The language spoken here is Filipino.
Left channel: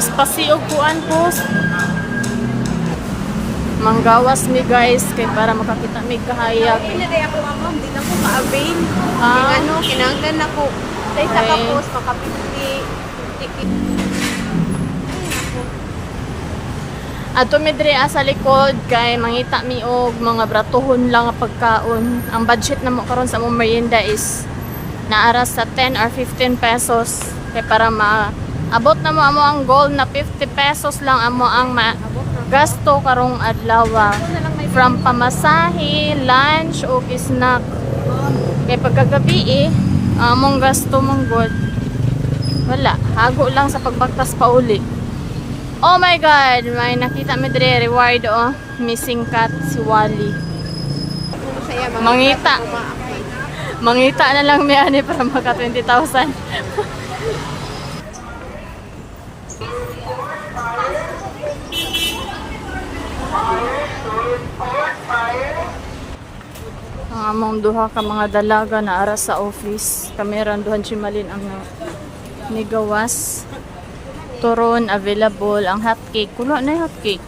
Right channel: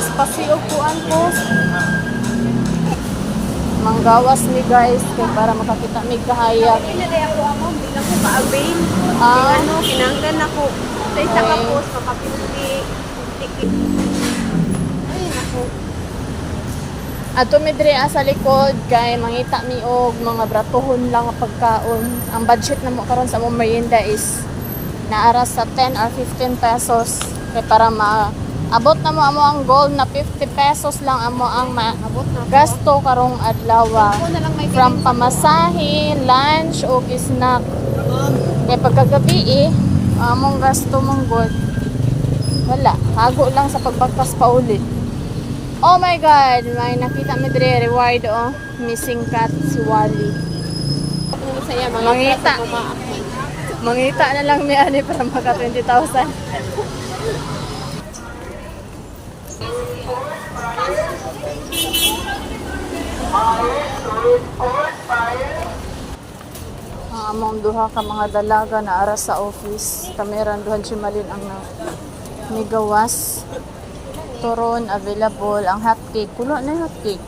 Espasyo kuan po. Manggawas mi guys kay para makakita mi kahayag. Hindi na ako amon, hindi na ko ka-avail. Ah. Ano, kinanglan ako. Sa isa ka Okay. post, makapiti ticket. Ay, naku. Ato mi diri sa likod kay mangita mi og mga bratohon lang nga pagkaon. Ang budget na mo karon sa among merienda is naara sa 10 or 15 pesos kay para maabot na mo amo ang goal na 50 pesos lang amo ang Abot na ko. gasto karong adlaw. Ako na lang may From pamasahe, lunch o snack. Kay pagkagabi among gasto mong god. Wala, hago lang sa pagbaktas pa uli. Oh my god, may nakita mi dire reward missing cat si Wally. Saya, mga Mangita. bata, kumaakman. Mangita na lang mi ani para maka 20,000. Ang among duha ka mga dalaga na ara sa office. Kameran duhan chimalin ang ni gawas. Turon available ang hotcake. Kulo na yung hotcake.